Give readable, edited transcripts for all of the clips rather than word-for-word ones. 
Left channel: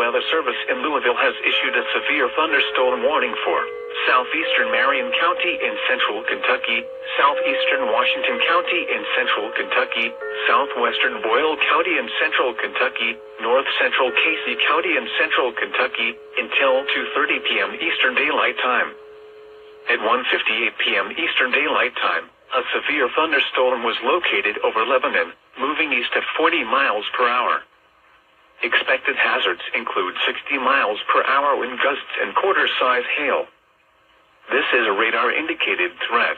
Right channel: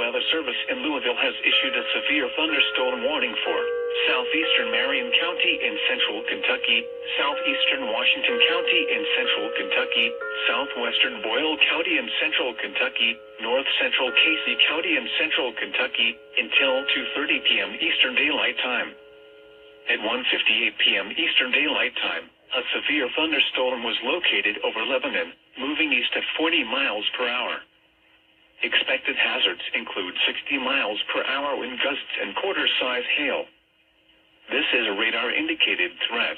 Weather Service in Louisville has issued a severe thunderstorm warning for southeastern Marion County in central Kentucky, southeastern Washington County in central Kentucky, southwestern Boyle County in central Kentucky, north central Casey County in central Kentucky, until 2:30 p.m. Eastern Daylight Time. At 1:58 p.m. Eastern Daylight Time, a severe thunderstorm was located over Lebanon, moving east at 40 miles per hour. Expected hazards include 60 miles per hour wind gusts and quarter-size hail. This is a radar-indicated threat.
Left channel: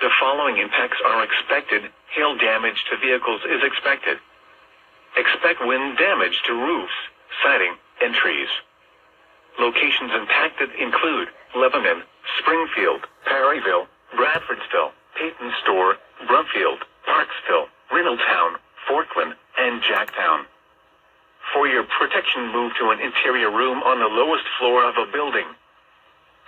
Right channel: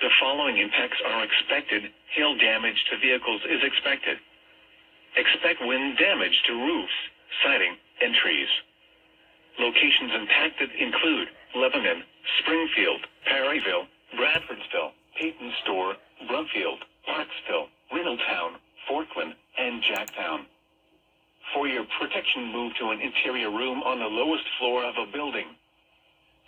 The following impacts are expected. Hail damage to vehicles is expected. Expect wind damage to roofs, siding, and trees. Locations impacted include Lebanon, Springfield, Perryville, Bradfordsville, Peyton Store, Brumfield, Parksville, Reynoldstown, Forkland, and Jacktown. For your protection, move to an interior room on the lowest floor of a building.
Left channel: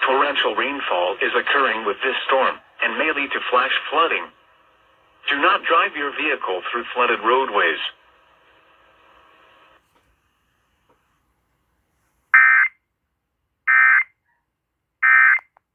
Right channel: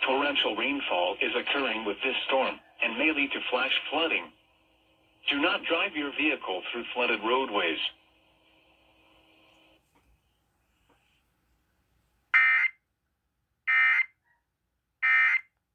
Torrential rainfall is occurring with this storm and may lead to flash flooding. Do not drive your vehicle through flooded roadways.